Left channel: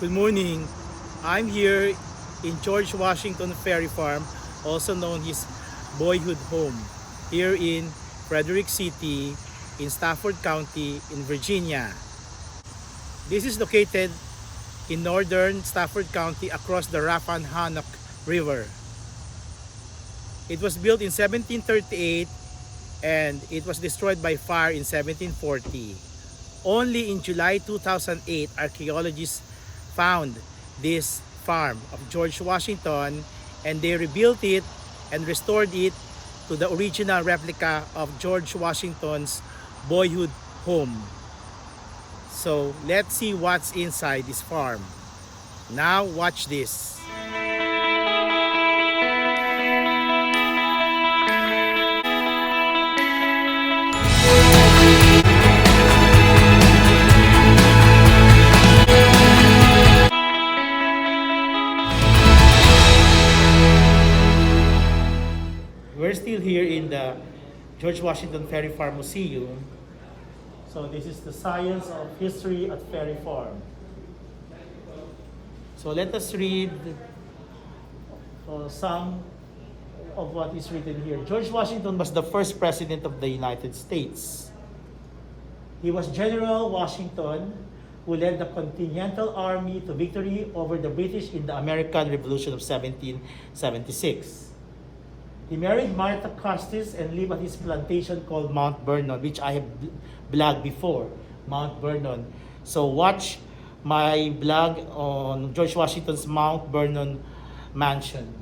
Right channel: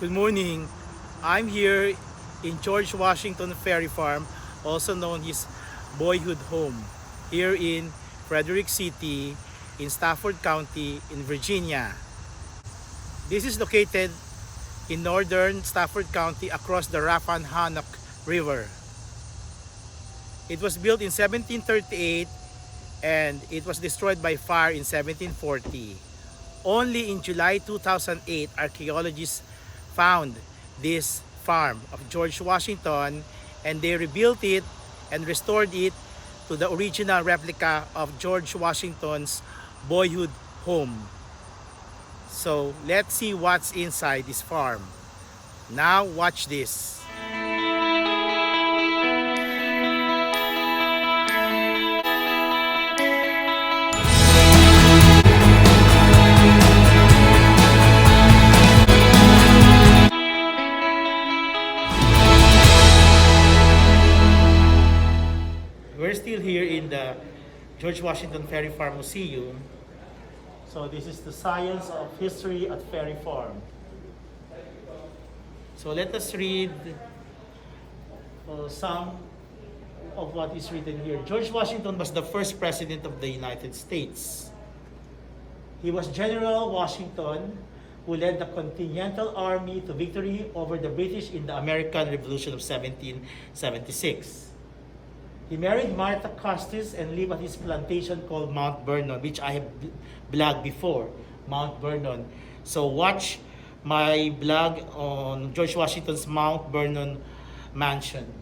Good morning. I'm here in George Washington Ferry Farm, also known as Boyhood home, here in Frederick City, in Stafford County, in Virginia. This is located in northern Stafford County across the Rappahannock River. It was built in 1738 and it was destroyed by fire in 1740. Only in July 2008, archaeologists found this farm of George Washington, and they rebuilt it and restored it to the original replica of George Washington's boyhood home. So let's see what's inside this farm. Now watch this. We're still here in the George Washington Ferry Farm Museum. So this is the science of history at Ferry Farm. So let us read some of what is written here. George Washington was the first president of the United States. He was General Washington, who led the Continental Army to victory over the British in the American Revolution of 1776. He married Martha Custis and lived at his plantation called Mount Vernon, which I have blogged before, Mount Vernon. So watch my blog on George Washington's Mount Vernon mansion.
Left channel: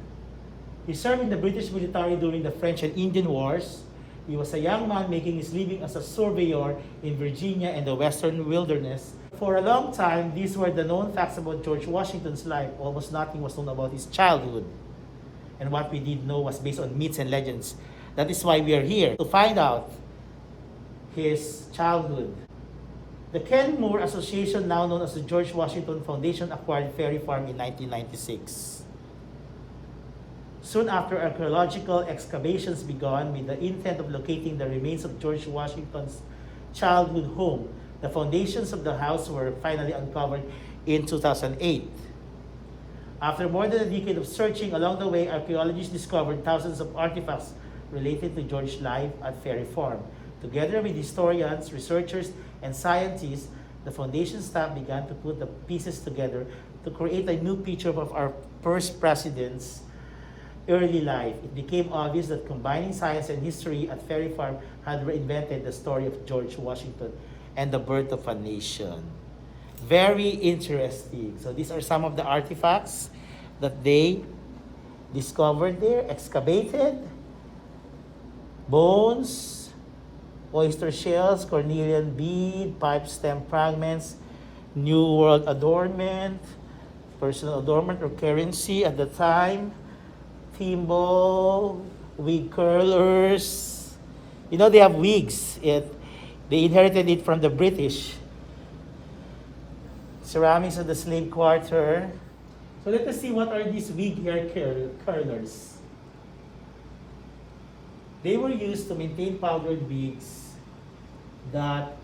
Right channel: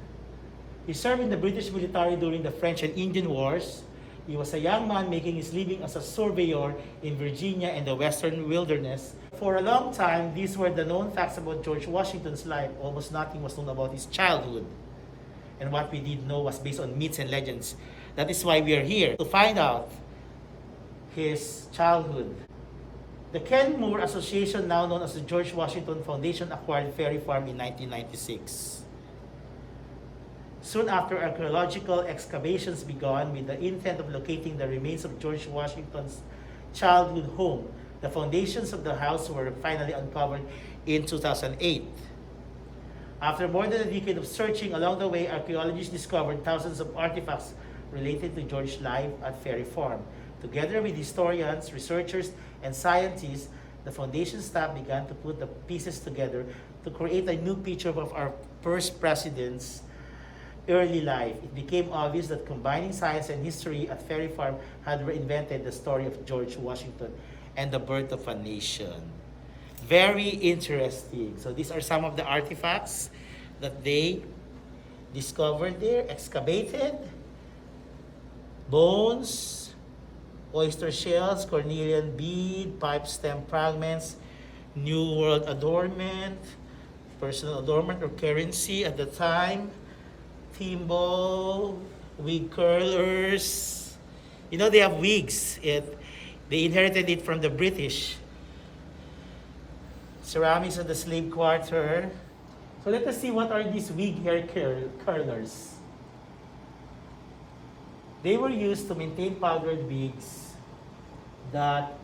He served in the British military during the French and Indian Wars. He was a young man making his living as a surveyor in Virginia and the Western Wilderness. For a long time, these were the known facts about George Washington's life. Almost nothing was known about his childhood. And what we did know was based on myths and legends. That is why we are here, to find out his childhood. The Ken Moore Association, now known as the George Washington Foundation, acquired Ferry Farm in 1996. Soon after, archaeological excavations began with the intent of locating the remains of George Washington's childhood home. The foundations of the house were finally uncovered in 2008. After more than a decade of searching along the way, archaeologists discovered thousands of artifacts related to George's life at Ferry Farm. Together with historians, researchers, and scientists, the foundation staff began to put the pieces together to create a new picture of our first president's early life. It became obvious that combining science and history at Ferry Farm had reinvented the story of George Washington and the birth of a nation. Very interesting. So these are some of the artifacts that they discovered there, excavated. Bones, oyster shells, cornelian bead, pipe stem fragments, New World adornment, personal adornment or currency at the time, thimble, wig curlers. You know, they have wigs. They inherited it from the British. Ceramics of the slave quarter. So let us see what are these wig hair curlers. They were used to maintain powdered wigs that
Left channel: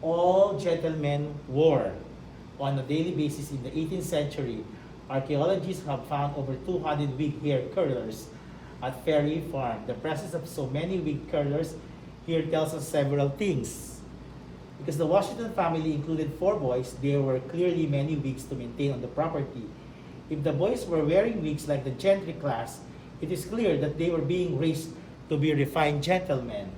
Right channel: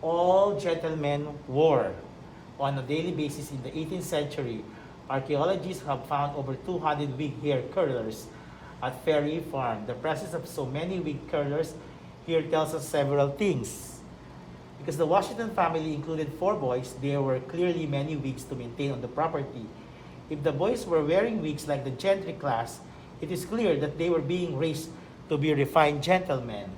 all gentlemen wore on a daily basis in the 18th century. Archaeologists have found over 200 wig hair curlers at Ferry Farm. The presence of so many wig curlers here tells us several things. Because the Washington family included 4 boys, there were clearly many wigs to maintain on the property. If the boys were wearing wigs like the gentry class, it is clear that they were being raised to be refined gentlemen.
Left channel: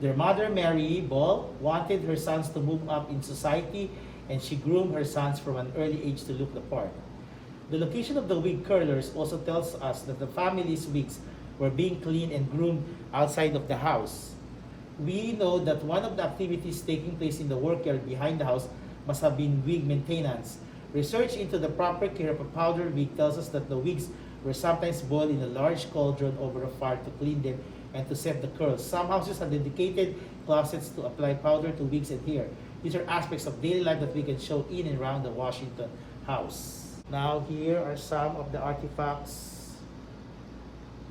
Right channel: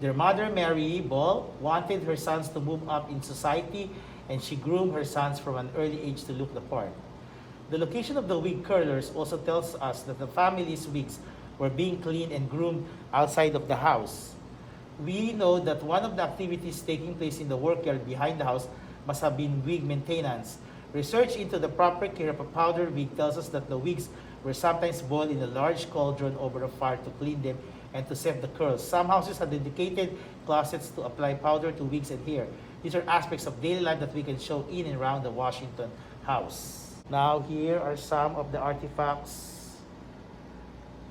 Their mother, Mary Ball, wanted her sons to move up in society, and she groomed her sons from an early age to look the part. The location of the wig curlers also tells us that the family's wigs were being cleaned and groomed outside of the house. We know that one of the activities taking place in the workyard behind the house must have been wig maintenance. Research into the proper care of a powder wig tells us that the wigs were sometimes boiled in a large cauldron over a fire to clean them and to set the curls. Some houses have dedicated closets to apply powder to wigs and hair. These are aspects of daily life that we can show in and around the Washington house. Now here are some of the artifacts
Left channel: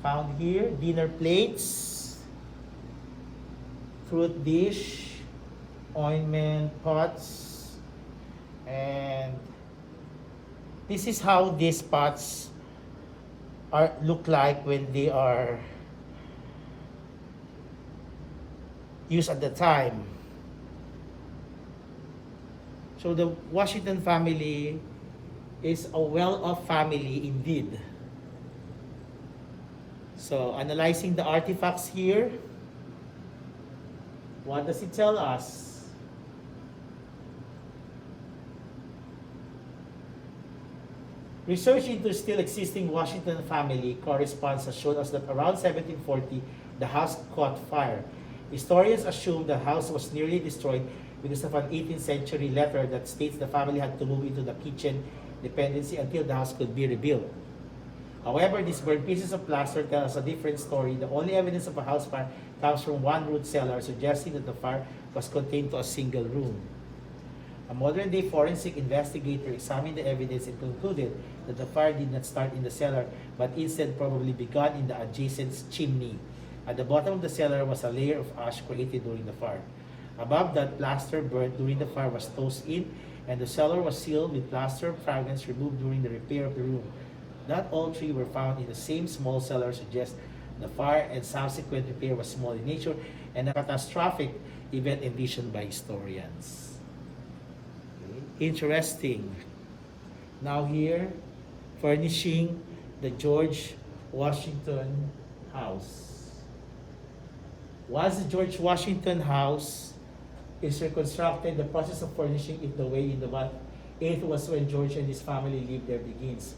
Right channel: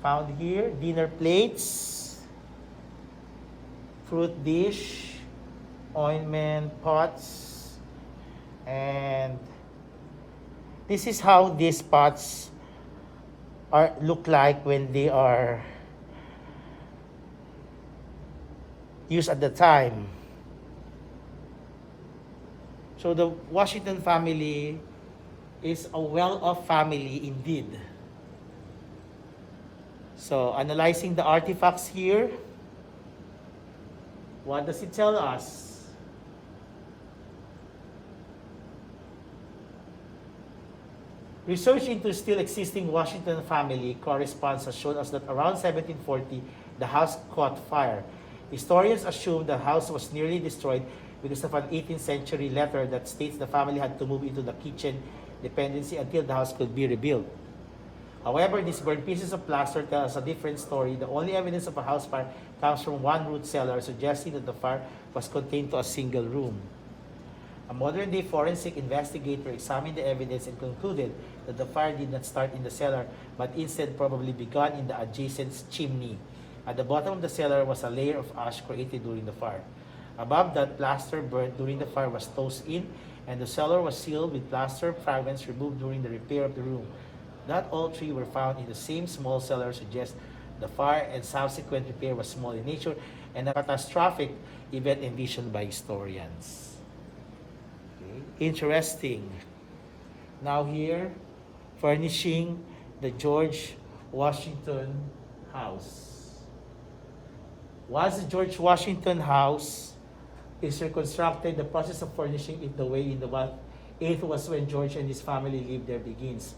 found here. Dinner plates, fruit dish, ointment pots, and This is how these pots look like when they are used at the time. So the Washington family is a well-off family indeed. So analyzing the artifacts here, what does it tell us? Research into still existing Washington family correspondence has shown us that around 1740, the house caught fire. Historians assume the house was nearly destroyed because of an 18th century letter that states the family had to move into the kitchen dependency until the house could be rebuilt. However, these burned pieces of plaster tell us a different story. The only evidence of a house fire comes from one root cellar, suggesting that the fire was contained to a single room. A modern-day forensic investigator examined the evidence and concluded that the fire did not start in the cellar, but instead probably began in the adjacent chimney. At the bottom of the cellar was a layer of ash created during the fire. Above that, plaster burnt during the fire was tossed in, and the cellar was sealed with plaster fragments removed during the repair of the room. Not all three were found in the same small cellar, suggests the fire and subsequent repair was small in nature and a catastrophic event envisioned by historians. Interesting. Now here, furnishing the George Washington house. Once the George Washington house is reconstructed, the process of furnishing it the way in the it was when George and his family lived there begins.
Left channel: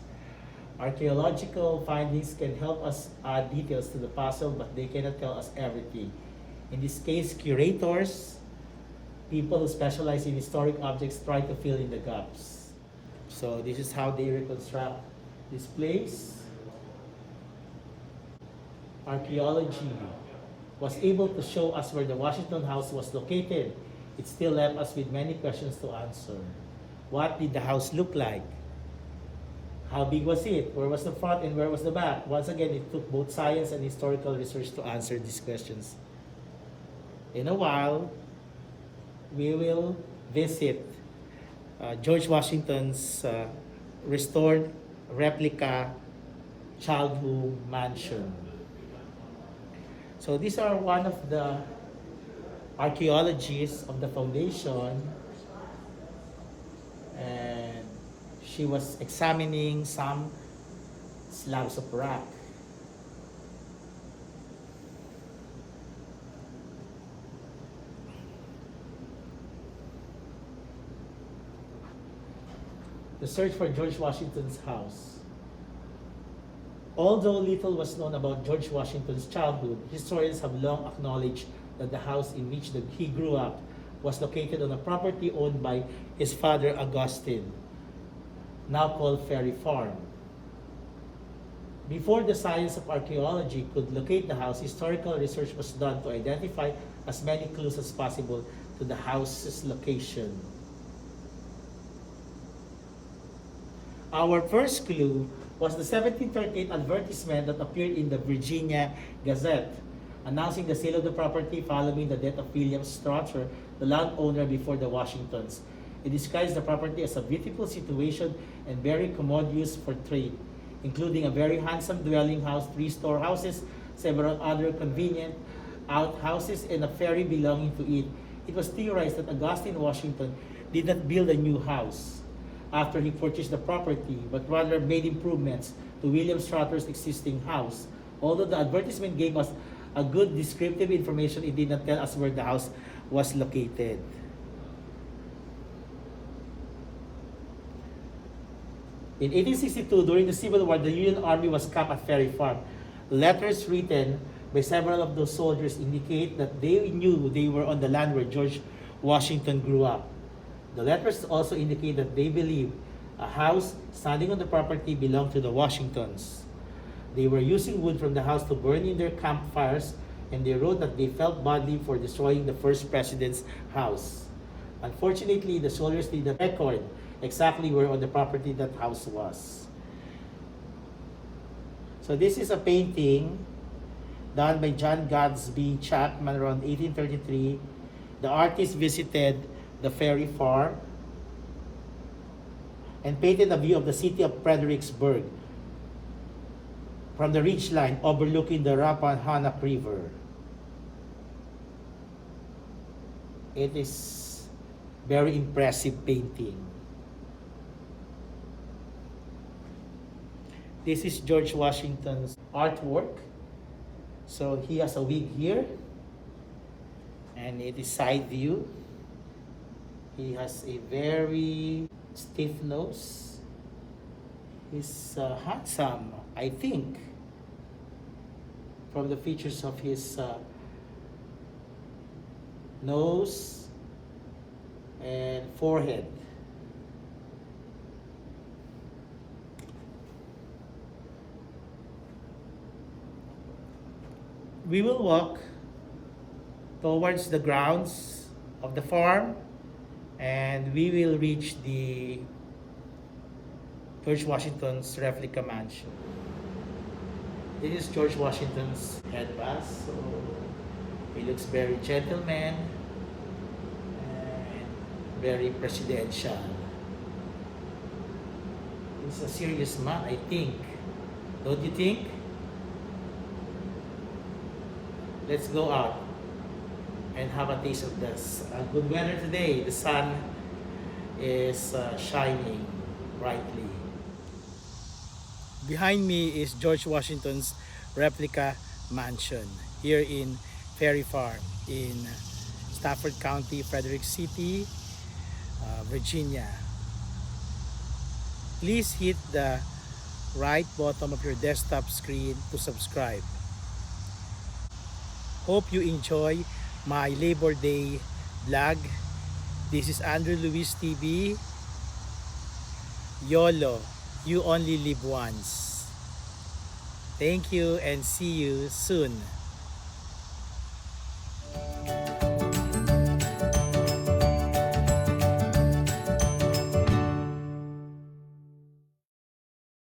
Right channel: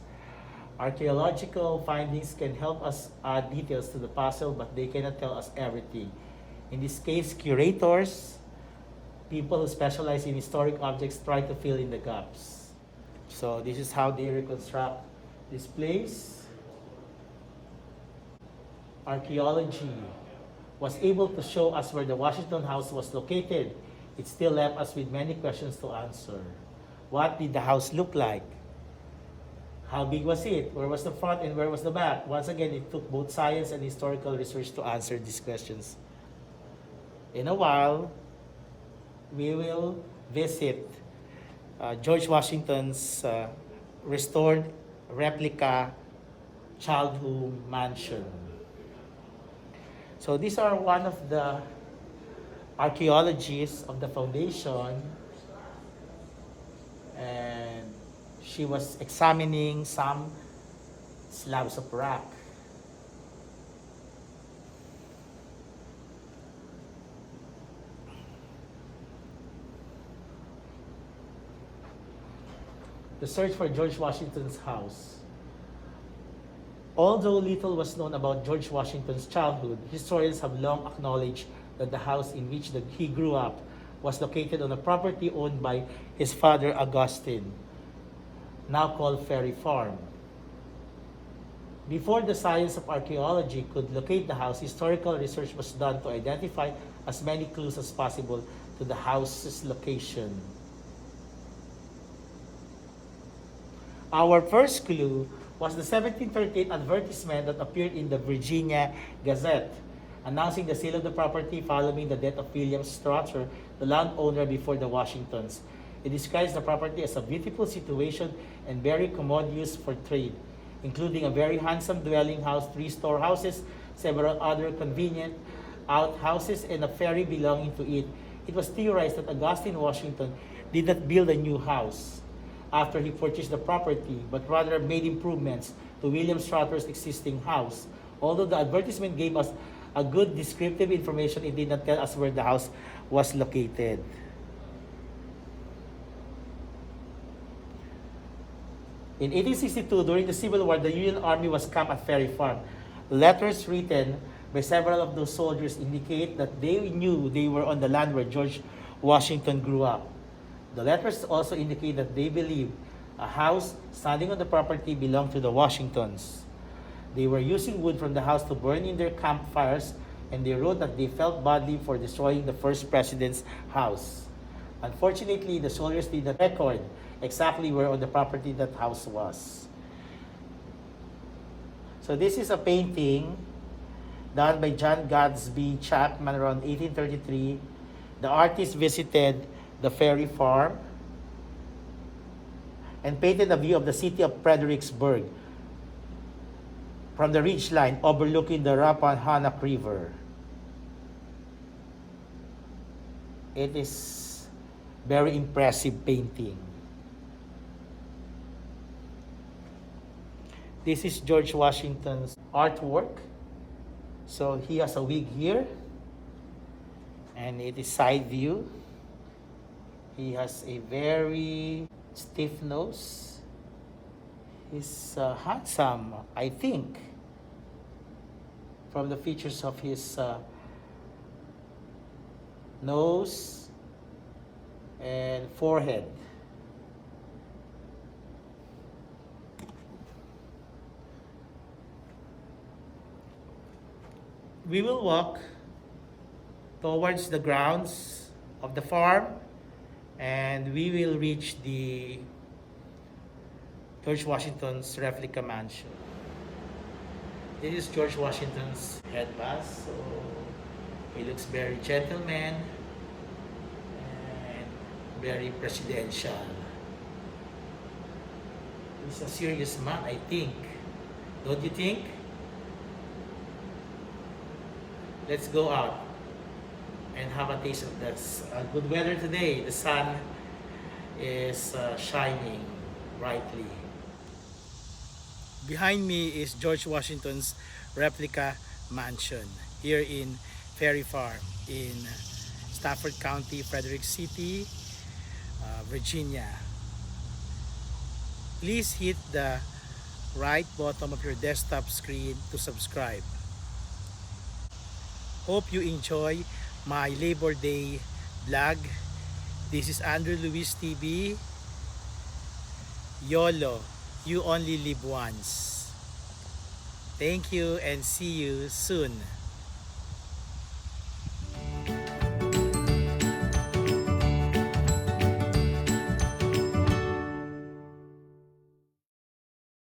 Archaeological findings can help us add details to the puzzle, but they cannot tell us everything. In this case, curators, people who specialize in historic objects, try to fill in the gaps. So this is how they reconstruct this place. Archaeology was able to show us where the Washington house was located. It still left us with many questions to answer. What did the house look like? How big was it? Where was the front and where was the back? Once again, it took both science and historical research to answer these questions. In a while, we will visit George Washington's restored replica childhood mansion. So these are one of the archaeologists of the foundation, and she was examining some slabs of rock. The search for George Washington's house. Although little was known about George Washington's childhood, historians have long acknowledged that the house in which he grew up was located on a property owned by his father Augustine, now called Ferry Farm. Before the science of archaeology could locate the house, historical research was done to identify as many clues as possible to the house's location. Our first clue was the 1738 advertisement that appeared in the Virginia Gazette, announcing the sale of the property following the death of William Strother, the landowner before the Washingtons. It describes the property as a beautiful situation and very commodious for trade, including a very handsome dwelling house, 3 storehouses, several other convenient outhouses, and a ferry belonging to it. It was theorized that Augustine Washington did not build a new house after he purchased the property, but rather made improvements to William Strother's existing house. Although the advertisement gave us a good descriptive information, it did not tell us where the house was located. In 1862, during the Civil War, the Union Army was camped at Ferry Farm. Letters written by several of those soldiers indicate that they knew they were on the land where George Washington grew up. The letters also indicate that they believed a house standing on the property belonged to the Washingtons. They were using wood from the house to burn in their campfires, and they wrote that they felt badly for destroying the first president's house. Unfortunately, the soldiers did not record exactly where on the property that house was. So this is a painting done by John Gadsby Chapman around 1833. The artist visited the Ferry Farm. and painted a view of the city of Fredericksburg from the ridgeline overlooking the Rappahannock River. It is very impressive painting. This is George Washington's artwork. So he has a wig here, and it is side view. He has a very stiff nose. He's handsome, I think, from the features of his nose and forehead. We will walk towards the grounds of the farm, and we will reach the George Washington's replica mansion. This is George Washington's headband, so he looks very gentleman and very presidential. He's a serious man, I think. Don't you think? Let's go out and have a taste of this. Good weather today. The sun is shining brightly. Behind me is George Washington's replica mansion here in Ferry Farm in Stafford County, Frederick City, Virginia. Please hit the right bottom of your desktop screen to subscribe. Hope you enjoy my Labor Day vlog. This is Andrew Luis TV. YOLO, you only live once. Thank you and see you soon.